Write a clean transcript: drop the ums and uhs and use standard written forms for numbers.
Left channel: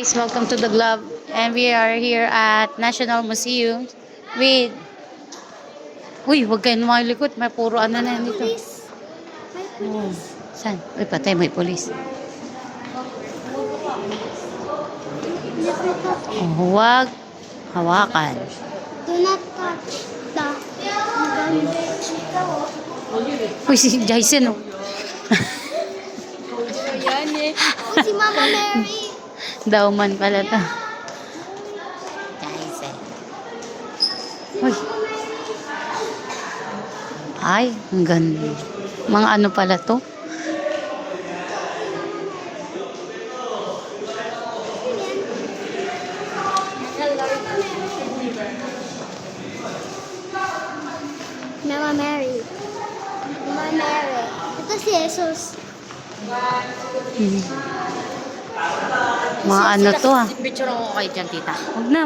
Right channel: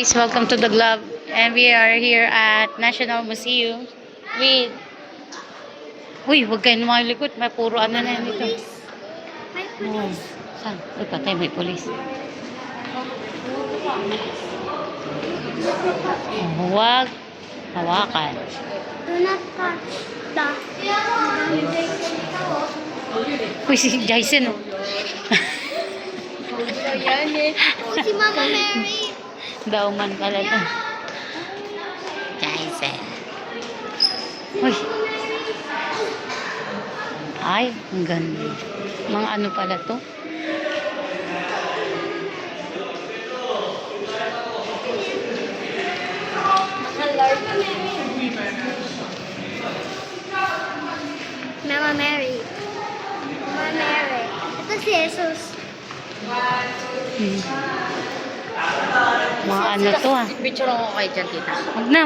Guys, welcome to the Globe, and we are here at National Museum with... Uy, huwag kayo lumalikot, may puro ano na yun dito. May Oh, pulis. saan? Uy, patay, may polis. Oh, huwag hawakan. Do not touch the Uy, si Jason, oh. Ayan eh. Si Mama Mary. Dauman pala to. Jason. Uy. Ay, ang ganda. Mga ano pala to? Mama Mary. Mama Mary. Ito si Jesus. Mga ano to ah. Picture ako kay dyan, tita. Huwag na.